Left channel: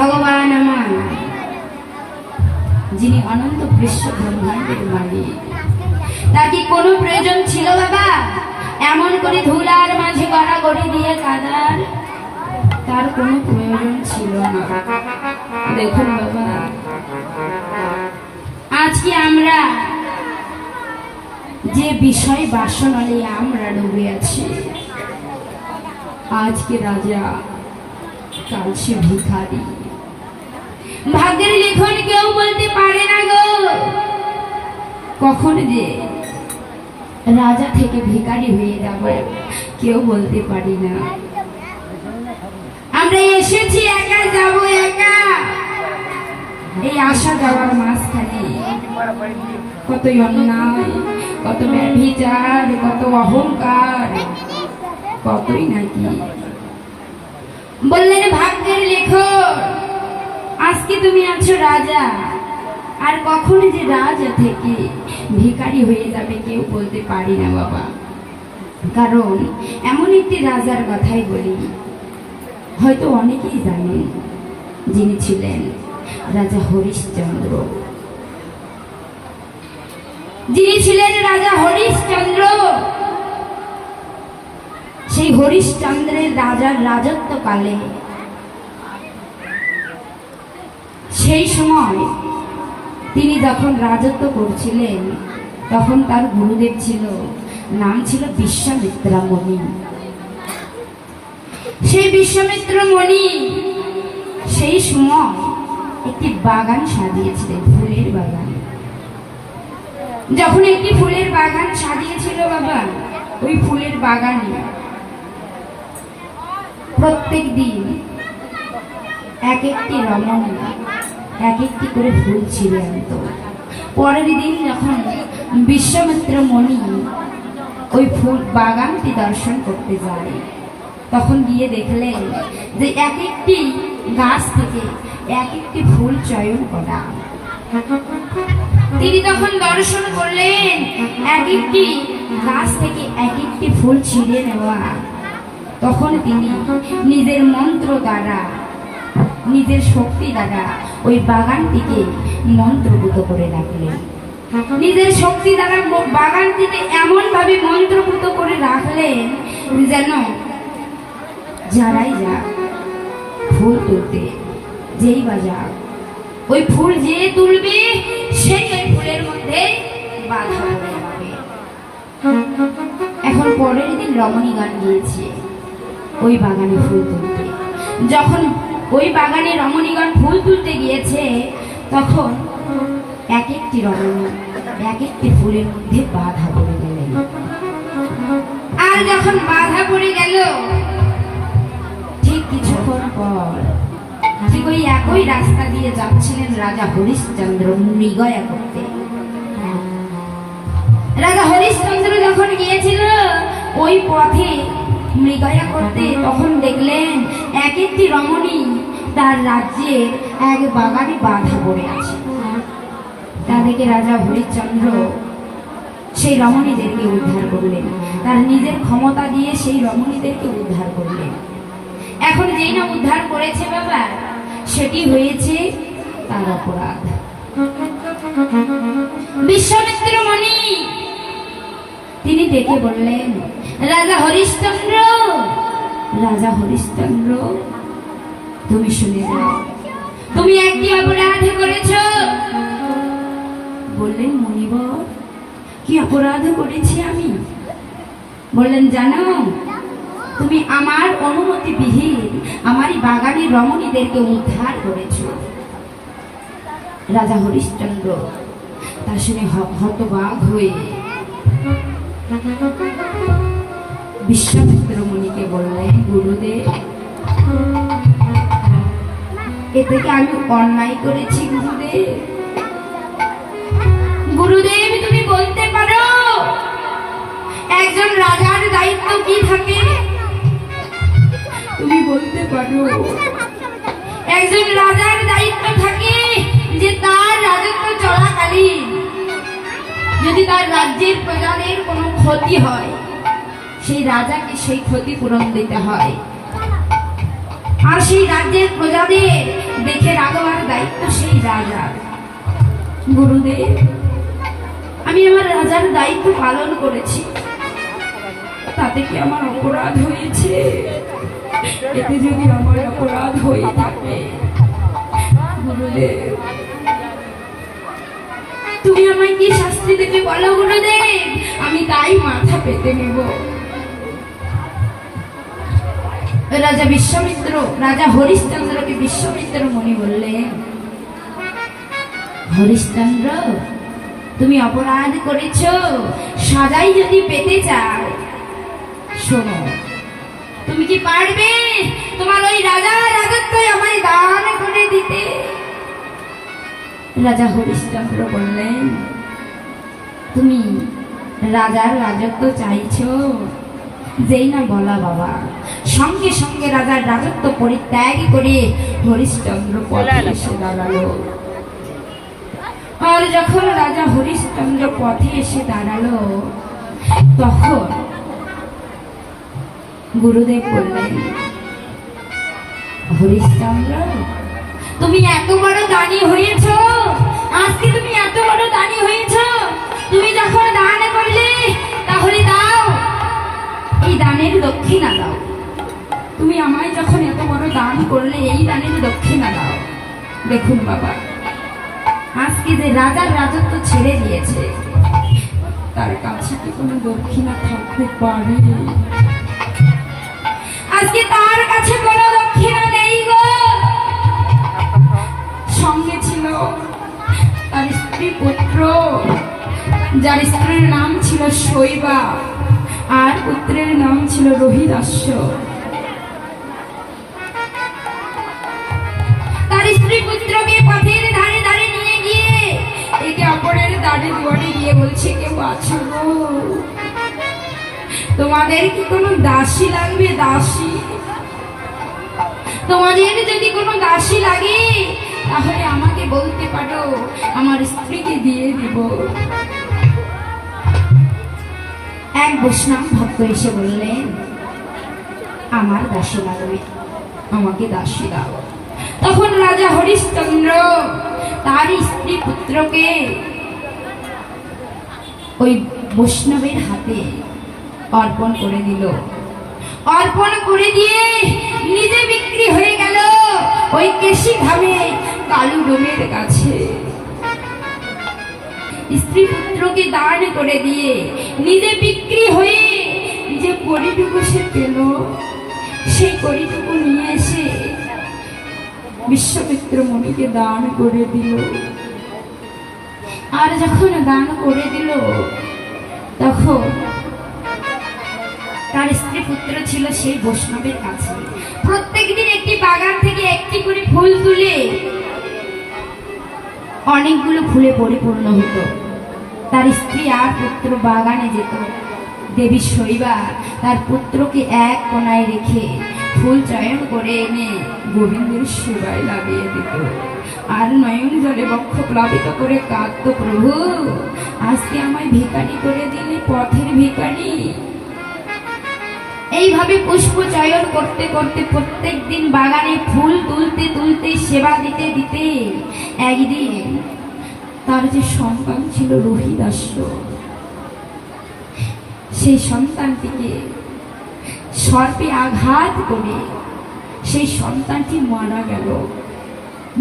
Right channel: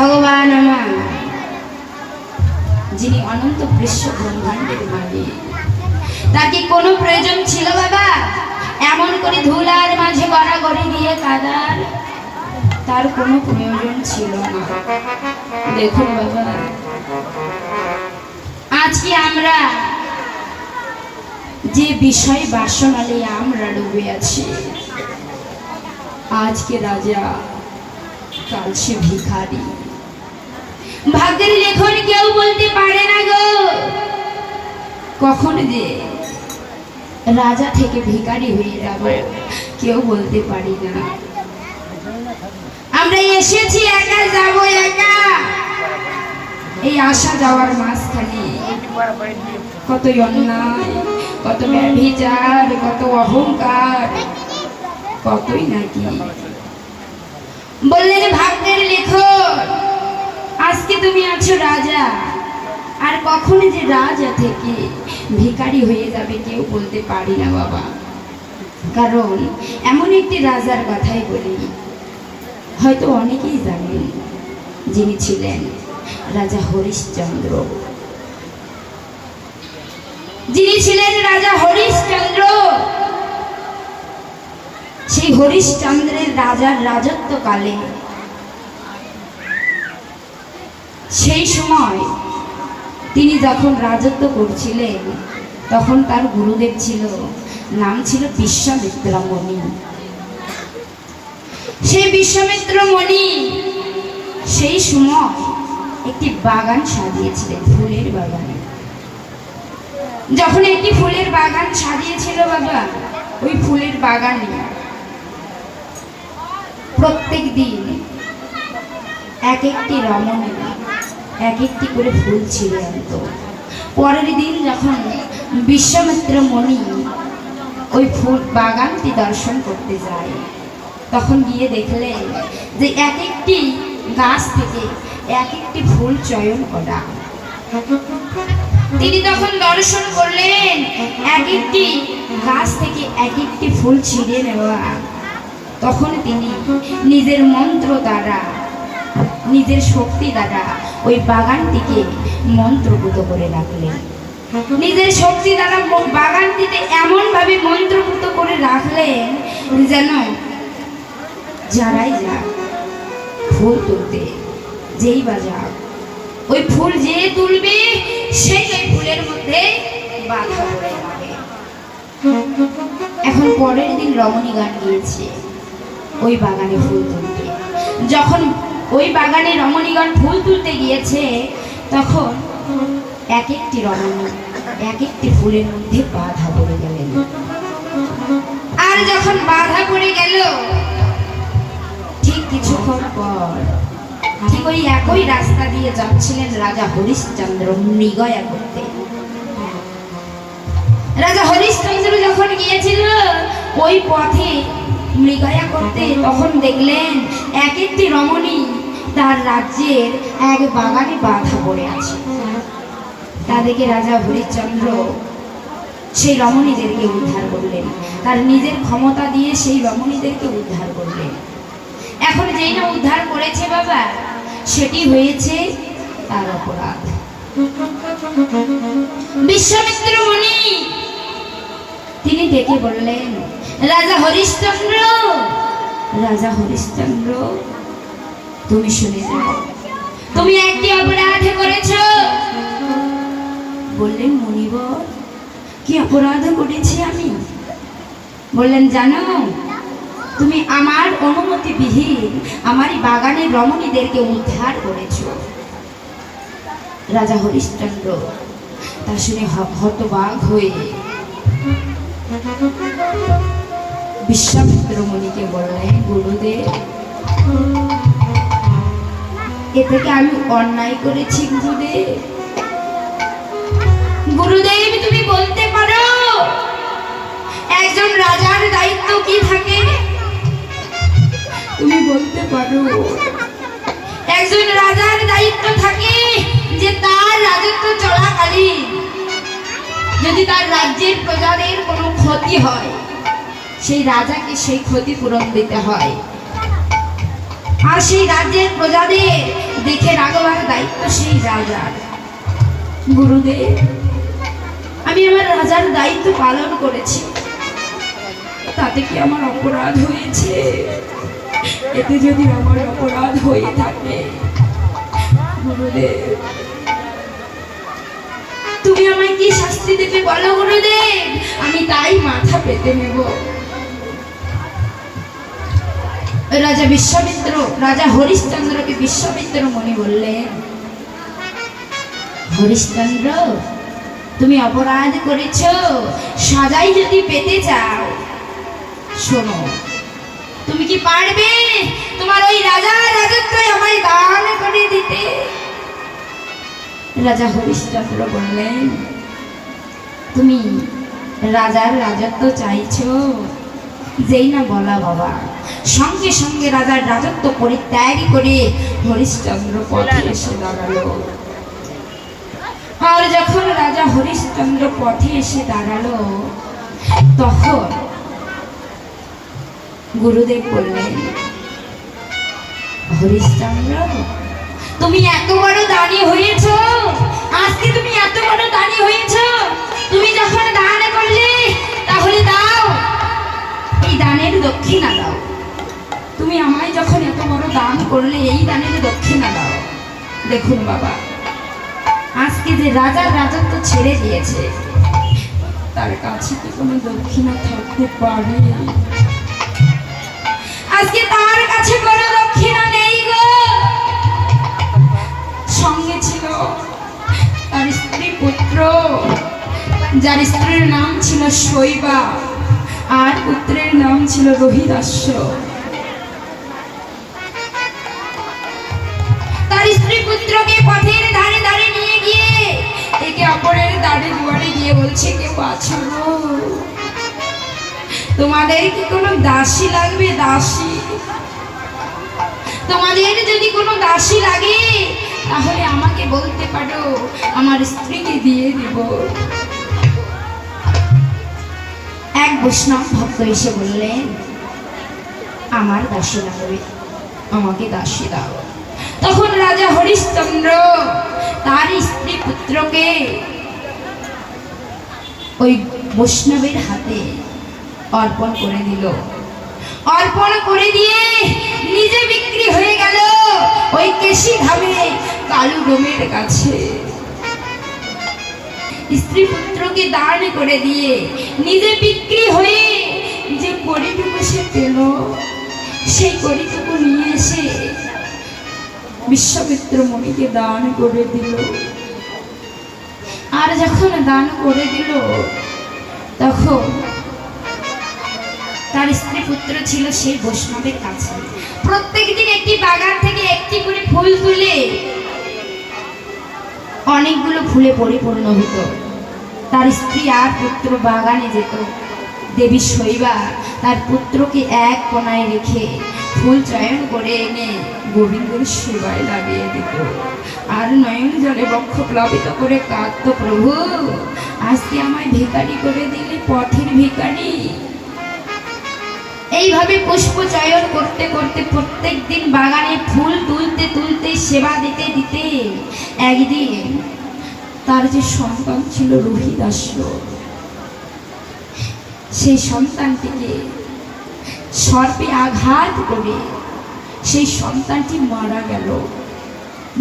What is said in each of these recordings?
ভগবান আমার, যিনি অনন্ত বিশ্ব ব্রহ্মাণ্ডের মালিক, তার কি কোনো প্রয়োজন ছিল বাবা এমন করে ধুলার মাঝে গড়াগড়ি দিয়ে কাদার? তার কোনো প্রয়োজন ছিল না। দেখুন বাবা, আজকে আমরা যে বিষয় বাসনালে আমরা ডুবে আছি, আজকে রাজা কাল সে ভিখারি। ভাগ্যের লেখন কেউ বলতে পারে না গো, কখন যে রাজা থেকে ভিখারি হয়ে যাব কেউ বলতে পারি না। আমরা এসেছি একা, যাব একা। এই আসা যাওয়ার মাঝখানে কত অন্যায়, কত ব্যভিচার, কত অহংকার, কতই নাকি। বললেন ভাগ্যের লেখন, আজকে তুমি আছো রাজা, আর কখন যে রাজা থেকে ভিখারি হয়ে যাবে কেউ বলতে পারি না বাবা। কারণ এমন একটি রাজার কথাই বলি, হয়তো অনেকেই জানেন, যিনি ছিলেন রাজা হরিশ্চন্দ্র। যিনি ছিলেন রাজা হরিশ্চন্দ্র, সেই হরিশ্চন্দ্রের রাজার রাজত্বকালে, সেই সময় তিনি যখন রাজত্ব করছিলেন তখন তার গুরুদেব ছিল, নাম ছিল বিশ্বামিত্র মুনি। সেই বিশ্বামিত্র মুনি সেই সময় একটি বাগান সাজিয়েছিলেন, ফুলের বাগান। যখন একটি ফুলের বাগান সাজিয়েছিল বাবা, ওই ফুলের বাগানে প্রত্যেক দিন এক একটি রমণী এক একটি করে ফুল ছিঁড়ে আনত। পরের দিন যখন বিশ্বামিত্র মুনি ওই ফুল বাগানটি দর্শন করতে যায়, তখন গিয়ে দেখলেন যে এক একটি গাছ থেকে এক একটি ফুল চয়ন করা। তিনি তখন দর্শন করলেন এক একটি গাছ থেকে এক একটি ফুল ছিঁড়ে নেওয়া। তখন তিনি নিজের মন্ত্র দ্বারা, নিজের শক্তি দ্বারা ওই বাগানটিকে মন্ত্রভূত করে রাখলেন। নিজের শক্তি দ্বারা বাগানটিতে এমন ভাবে মন্ত্রভূত করে রাখলেন যেন যারাই যা ফুল তুলতে, যেই বাজার ওই ফুল যে তুলবে সেই ওই ফুলের মধ্যে বাধা পড়ে যাবে। এখন পরের দিন রমণী গান গিয়েছে ওই বাগানে ফুল তুলতে। যখন ওই বাগানে রমণীগণ ফুল তুলতে গিয়েছে, তখন এক একটি রমণী এক একটি ফুলের মধ্যে বাধা পড়ে গেলেন। আর যখন বাধা পড়ে গেল, ঠিক কিছুক্ষণ পর ঠিক ওই একই রাস্তা দিয়ে যাচ্ছিলেন রাজা হরিশ্চন্দ্র মৃগয়া করতে। রাজা হরিশ্চন্দ্র যখন গিয়েছিল ওই পথে মৃগয়া করতে, তখন দেখলেন এক একটি রমণী তার রাজ্যের এক বাগানে বাধা পড়ে আছে। তাদেরকে রাজা হরিশ্চন্দ্র সেই রমণীদেরকে উদ্ধার করলেন, তার নিজের ক্ষমতা দিয়ে সেই রমণীদেরকে উদ্ধার করলেন। এখন যেই না উদ্ধার করেছে বাবা, সেটি হয়েছে তার অপরাধ। বিশ্বামিত্র মুনি তিনি ডেকে বললেন, রাজা হরিশ্চন্দ্র, রাজা হরিশ্চন্দ্র, তুমি শুনে যাও, তুমি একটি অপরাধ করেছ। বললেন, মুনিবর, কি অপরাধ করেছি আমি? বললেন, জানো, তুমি আমার অনুমতি বিহীন আমারই বাগানের রমণীদেরকে উদ্ধার করেছ। রাজা হরিশ্চন্দ্র তা শুনে হতবাক হয়ে বিশ্বামিত্র মুনিকে বললেন, গুরুদেব, এ থেকে আমি অন্যায় করেছি গুরুদেব। গুরুদেব, তুমি বলতে পারো একজন রাজার দায়িত্ব কি থাকে? তুমি বলতে পারো একজন রাজার দায়িত্ব থাকে যে তার রাজত্ব চলাকালীন যদি তার রাজ্যের প্রজাদের কোনো ক্ষতি হয়, সেই রাজাকে সেই ক্ষতিপূরণ দিতে হয়। আর সেই রাজ্যের প্রজাদের দেখে রাখবার দায়িত্ব সেই রাজার। গুরুদেব, আমি আমার রাজার দায়িত্ব পালন করেছি, তাতে কি আমার অপরাধ হয়েছে? এতে যদি আমার অপরাধ হয়ে থাকে, গুরুদেব তুমি আমায় কি শাস্তি দেবে বলো গুরুদেব, আমি তাই মাথা পেতে নেব। রাজা বিশ্বামিত্র, রাজা হরিশ্চন্দ্রকে বিশ্বামিত্র মুনি বললেন, হরিশ্চন্দ্র, তুমি অপরাধ করেছ, সাজাই যদি পেতে চাও, শোনো, তুমি কি পারবে তোমার ওই রাজার রাজত্ব আমায় দান করে দিতে? রাজা হরিশ্চন্দ্র বললেন, তুমি রাজার রাজত্ব চাইছো? যেই না বলা বাবা, সঙ্গে সঙ্গে রাজার রাজত্ব পরিত্যাগ করে হরিশ্চন্দ্র পথে এসে দাঁড়ালো। আর যখন রাজা হরিশ্চন্দ্র পথে এসে দাঁড়ালো, তখন গুরুদেব বললেন, হরিশ্চন্দ্র, তুমি এত বড় দানি হয়েছ, আজকে তুমি এত বড় দানি হয়েছ, তুমি যখন দান করলে তাহলে দাও, এই দানের দক্ষিণা দাও। তুমি আমায় যখন এত বড় দান করলে, এই দানের দক্ষিণা দাও। দেখুন বাবা, আজকে যে রাজার রাজত্ব ছেড়ে দিয়েছে, তার কাছে কি কোনো দক্ষিণা থাকতে পারে? আজকে তার কাছে কোনো দক্ষিণা নেই গো। সঙ্গে ছিল তার স্ত্রী পুত্র, যার স্ত্রীর নাম ছিল শৈবা আর পুত্রের নাম ছিল রোহিদাস্য। তার স্ত্রী পুত্রকে পথের ধারে ধারে নিয়ে গিয়ে একে অপরের দাঁড়ে দুয়ারে গিয়ে বলছে, কেউ আছো গো? তোমাদের কি কোনো দাসী লাগবে? দাসী, তোমাদের যদি কোনো দাসী লাগে তাহলে আমাকে বলতে পারো, আমার স্ত্রীকে দিয়ে দেব। এক বৈষ্ণব ভক্ত এসে বললেন, আমার দাসী লাগবে, আমাকে দাসী দাও। তখন রাজা হরিশ্চন্দ্র তার স্ত্রী পুত্রকে ওই বৈষ্ণবের হাতে অর্পণ করে দিল। অর্পণ করে দিয়ে নিজে বিক্রি হয়ে গেল ওই কেশি ধামে কালু গোমের কাছে। স্ত্রী পুত্রকে দান করে দিয়ে নিজে বিক্রি হয়ে যে করিটুকু সে পেল, সেই করিটুকু নিয়ে এসে বিশ্বামিত্র মুনিকে দান করে দিল। আর যখন দান করে দিল, তখন তার স্ত্রী পুত্র ছিল সেই বৈষ্ণবের কাছে। প্রত্যেকদিন একটি বাগান থেকে একটি করে ফুল তুলে অনেকগুলো ফুলে পরিপূর্ণ হতো। তার স্ত্রী আর পুত্র বাগানে যেত। দেবী শৈবা তার পুত্রকে এক কোনায় রেখে ফুল চয়ন করে এনে গোবিন্দের সেবায় লাগিয়ে দিত। আর নয়ন জলে বক্ষ প্লাবিত করে কাঁদত, প্রভু আজকে আমায় ভিখারি করে দিলে, পথের ভিখারি। এইভাবে পুষ্প চয়ন করতে করতে প্রত্যেক দিন বাগানে ফুল তুলতে তুলতে সেবা দিতে দিতে একদিন তার যে সন্তান ছিল রোহিদাস্য, সেই সন্তানটিকে সর্পে আঘাত করে সেই সন্তানটি মারা গেল।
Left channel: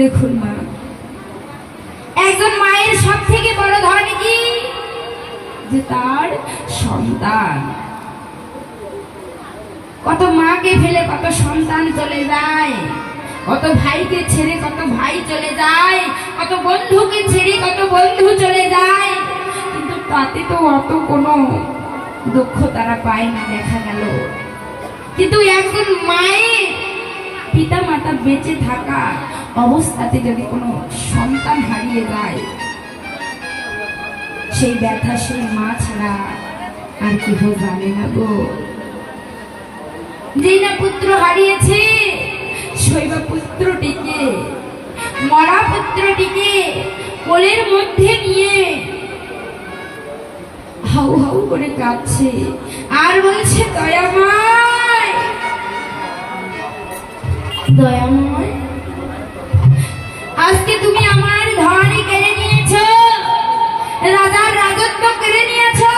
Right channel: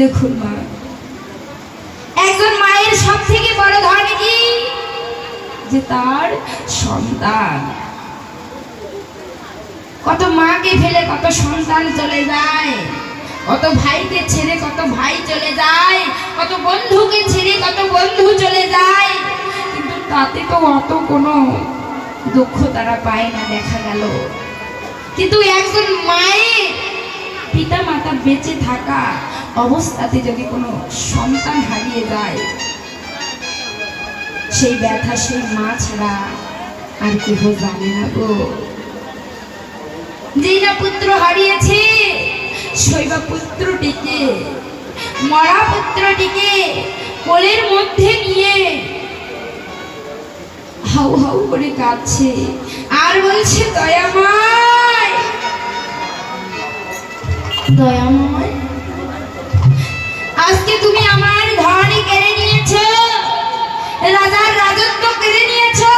দেখুন মা, একজন মায়ের সব থেকে বড় ধন কি? যে তার সন্তান। কত মাকে ফেলে কত সন্তান চলে যায়, কত ভাইকে ছেড়ে কত ভাই চলে যায়, কত বন্ধুকে ছেড়ে কত বন্ধু চলে যায়, কিন্তু তাতে তো অত কোনো দুঃখ তারা পায় না দেখা গেল। কিন্তু একজন মায়ের পিতা মাতা বেঁচে থাকা অবস্থাতে যদি কোনো সন্তান হারিয়ে যায়, সেই ব্যথা সেই মা ছাড়া আর কেহ জানে না গো। যেই না পুত্র হারিয়েছে, শৈবা পুত্রটিকে, মরা পুত্রটিকে কোলের মধ্যে নিয়ে হাউ হাউ করে কাঁদছে আর বলছে, দয়াময় দয়াময়, আজকে তুমি আমার ধন কেড়ে নিয়েছো, রাজার রাজত্ব কেড়ে নিয়েছো,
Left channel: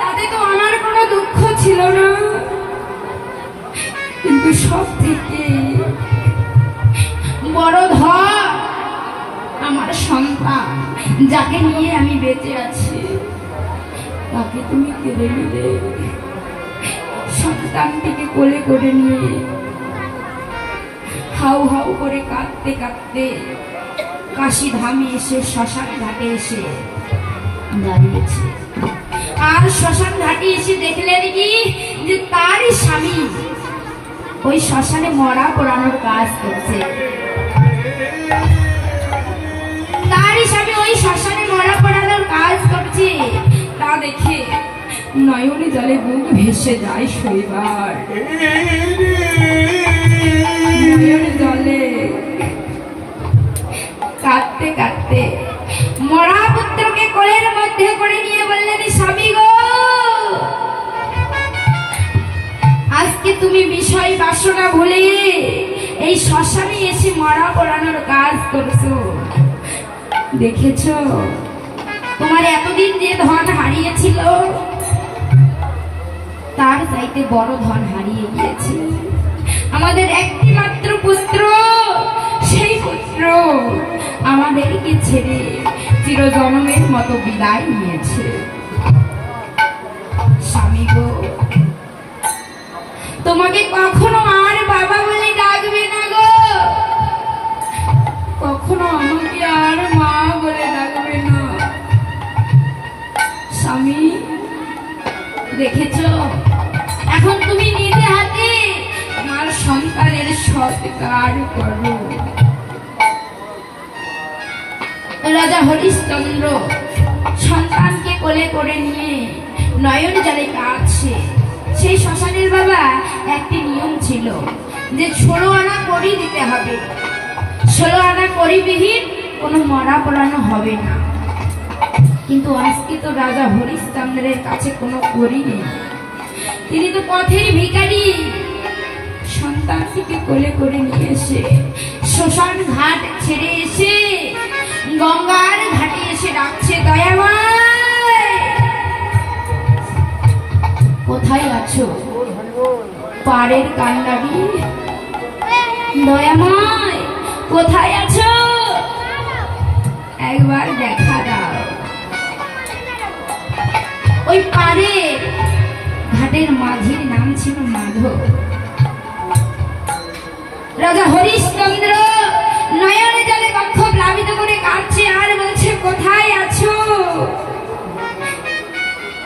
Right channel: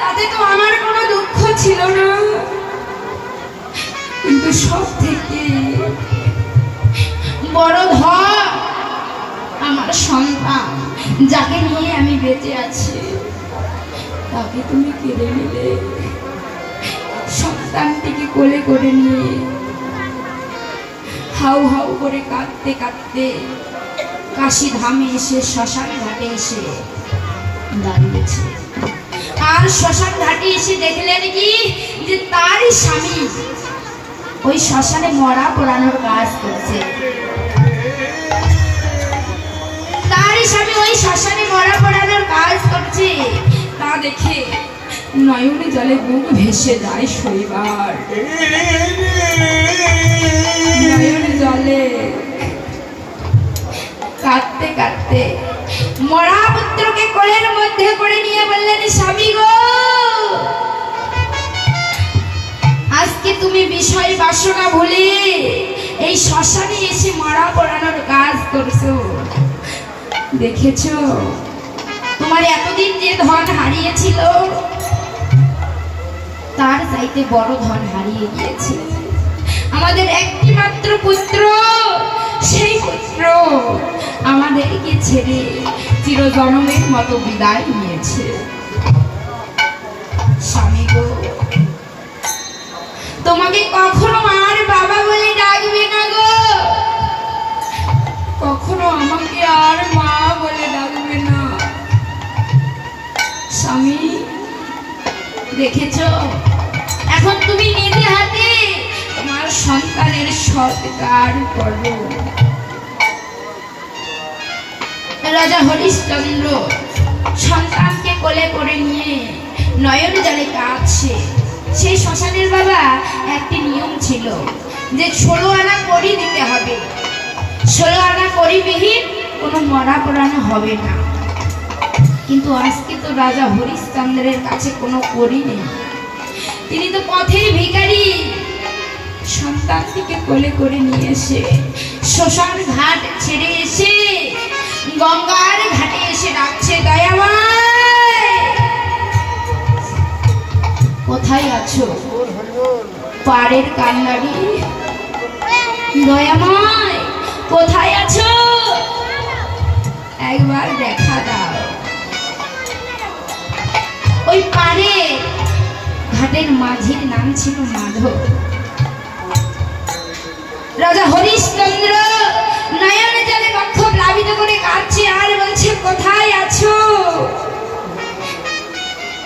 তাতে তো আমার কোনো দুঃখ ছিল না। কিন্তু সব থেকে বড় ধন আমার সন্তান, যাকে নিয়ে আমি বেঁচে আছি, তাকে তুমি কেড়ে নিলে। সন্তানটিকে কোলে করে নিয়ে হাউ হাউ করে কাঁদতে কাঁদতে কাশি ধামে এসে শ্মশান ঘাটে এসে দাঁড়িয়েছে। আর শ্মশান ঘাটে এসে দেখলেন কি যে তারই স্বামী ওই শ্মশানে মরা পোড়ানোর কাজ করছে। তারই স্বামী ওই শ্মশানে মরা পোড়ানোর কাজ করছে। তা দেখে নয়নে জলে বুক ভেসে যায় শৈবার। নয়নে জলে কাঁদতে কাঁদতে মরা পুত্রকে কোলের মধ্যে করে নিয়ে বললেন, স্বামী গো, আজকে তুমি বিষয় বাসনা ভুলে এই শ্মশানে এসে মরা পোড়ানোর কাজ করছো। দেখেছো তোমার এতদিন যে ধন হারিয়েছিল তার চাইতে বড় ধন হারিয়ে গিয়েছে। আমাদের একটি মাত্র পুত্র, সেই পুত্র আমাদেরকে ছেড়ে চিরজন্মের মতো বিদায় নিয়েছে। স্বামী গো, তোমাকে কখনো আর বাবা বলে ডাকবে না গো, কখনো আমাকে আর মা বলে ডাকবে না। স্বামী, দেখেছো এখন তুমি নিজে হাতে আমার সন্তানের সৎকার করো। রাজা হরিশ্চন্দ্র সন্তানকে কোলে করে নিয়ে নয়ন জলে কাঁদছে। সেই শ্মশানের বাবা একটি নিয়ম ছিল যে 16 আনা করি দিতে হবে, 16 আনা করিবিহীন কোনো মরা পোড়ানো হবে না। কিন্তু আজকে তো রাজা হরিশ্চন্দ্রের কাছে কোনো করি নেই, তিনি তো পথের ভিখারি। সন্তানটিকে কোলে করে নিয়ে এসে শ্মশান ঘাট ছেড়ে এসে গঙ্গার ঘাটে এসে ডাকছে, দয়াময় কোথায় আছো? পাড়ের কান্ডারি, দয়াময় কোথায় আছো? একবার দেখা দাও। ওই পাড়ে ঘাটের মাঝির নাম ছিল মাধব। রাজা হরিশ্চন্দ্র নয়নে জলে বক্ষ প্লাবিত করে কাঁদছে আর বলছে, কোথায় আছো?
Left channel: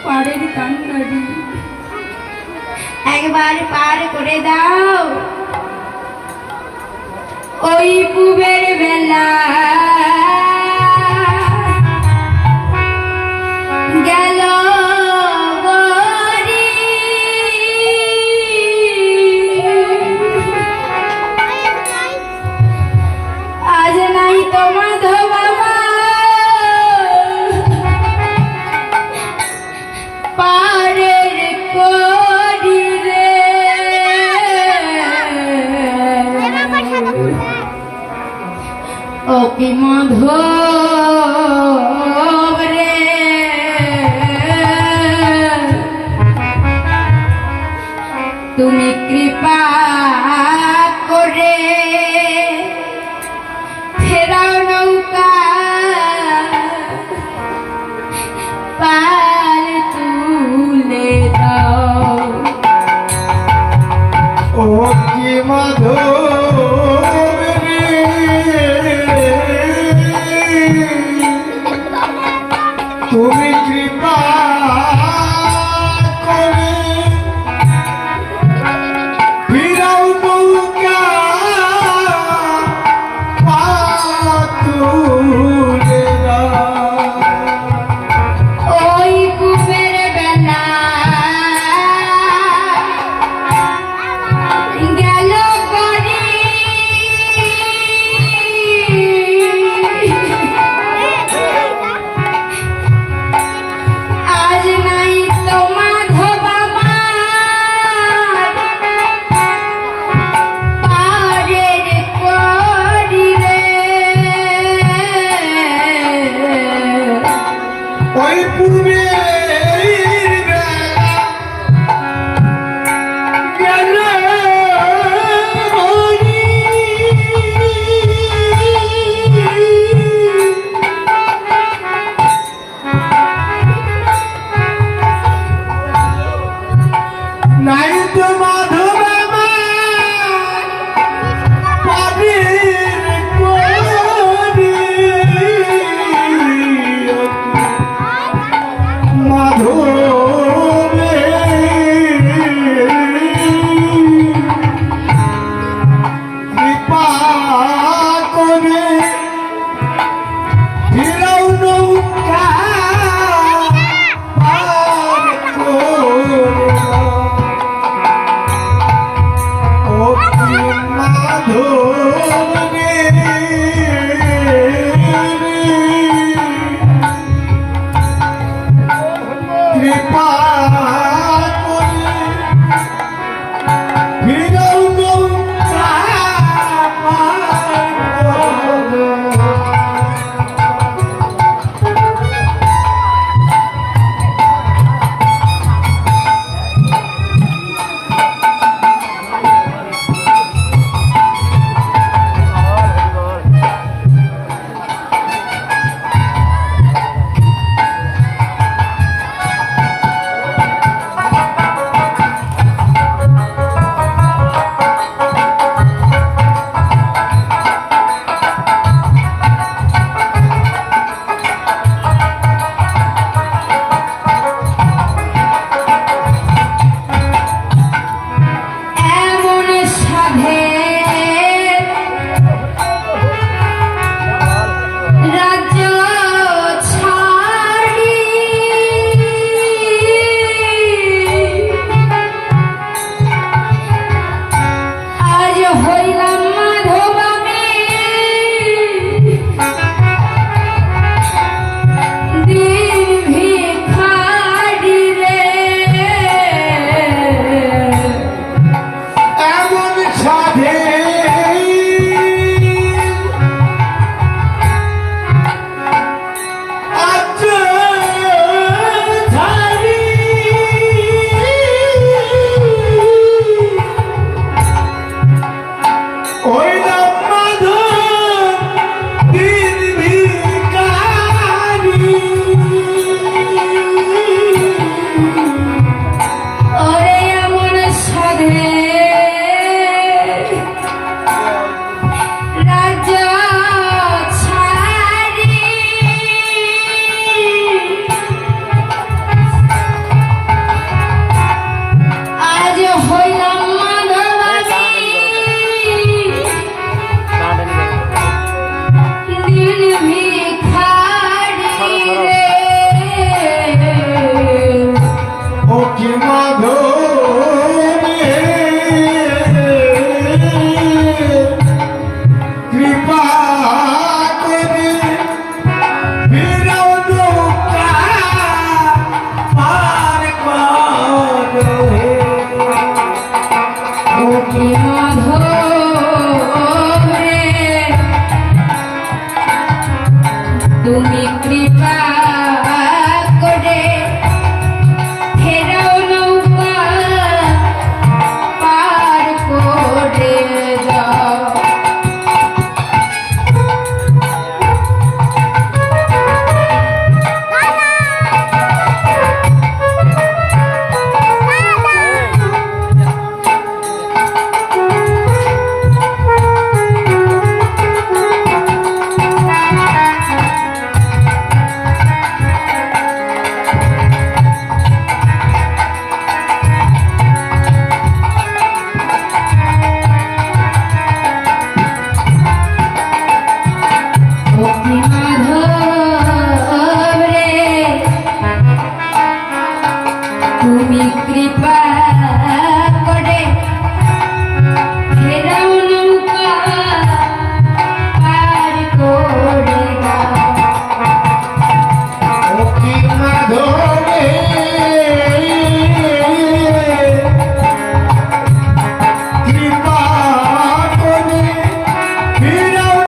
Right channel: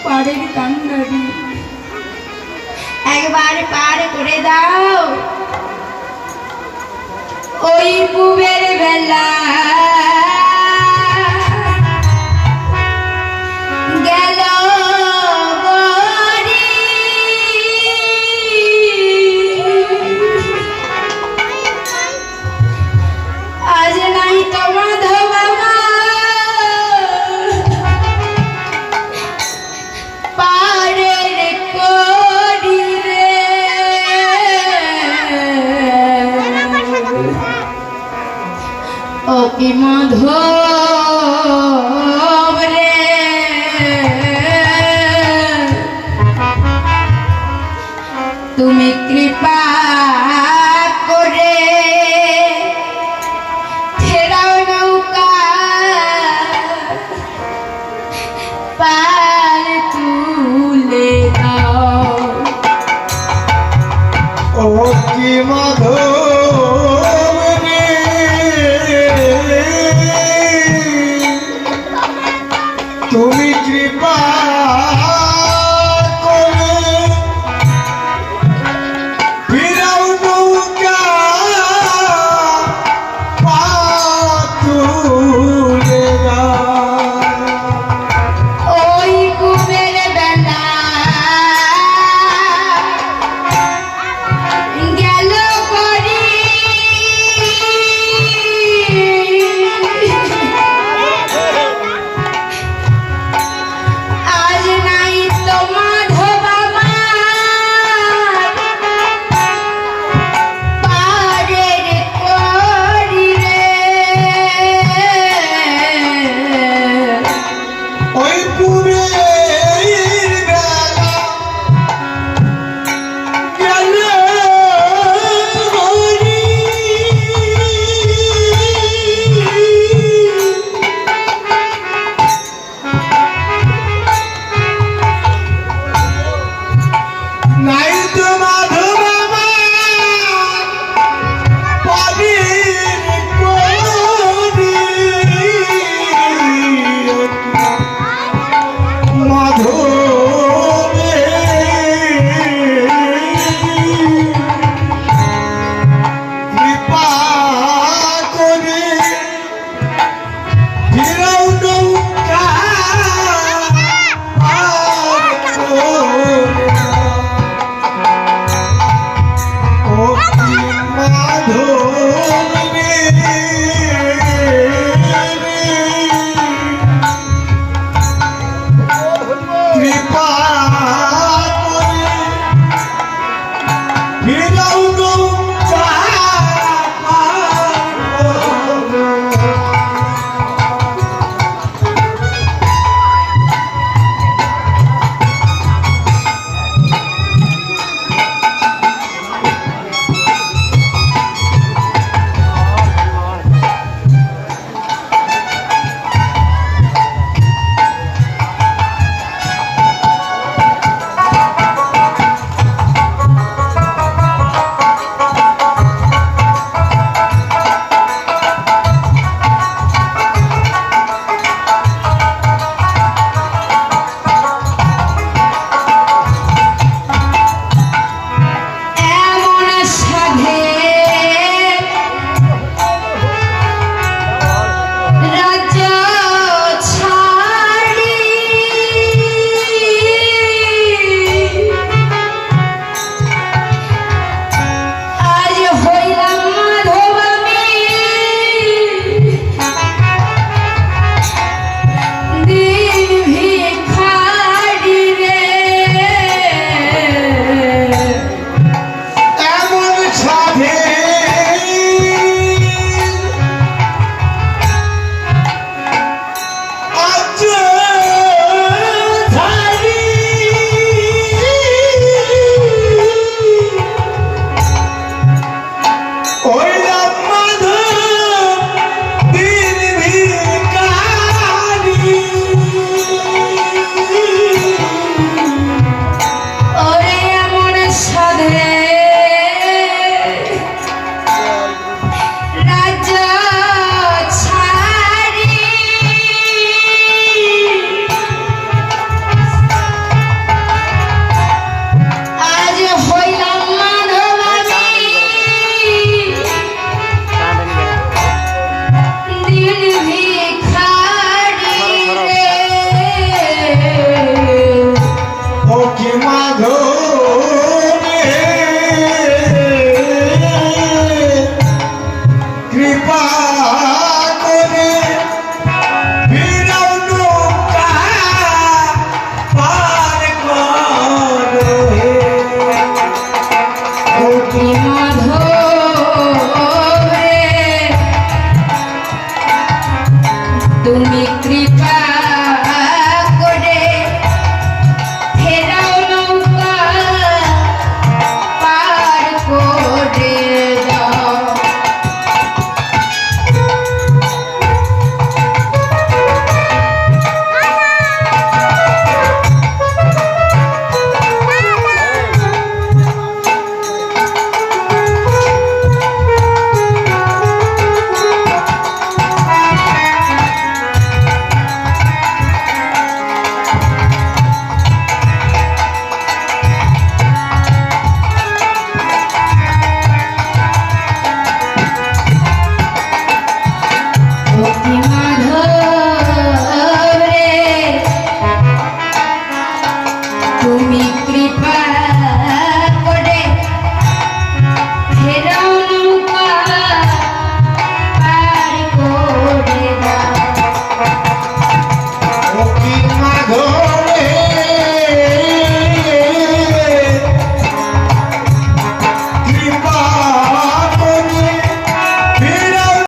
পাড়ের কান্ডারি, একবার পার করে দাও। ওই পুবের বেলা গেল আজ নাই তো মাধব বাবা, পারের করি রে। ওকে মাধব রে, তুমি কৃপা করে ফেরাও নৌকা, পার তুলে দাও। ও কি মাধব রে, তুমি কৃপা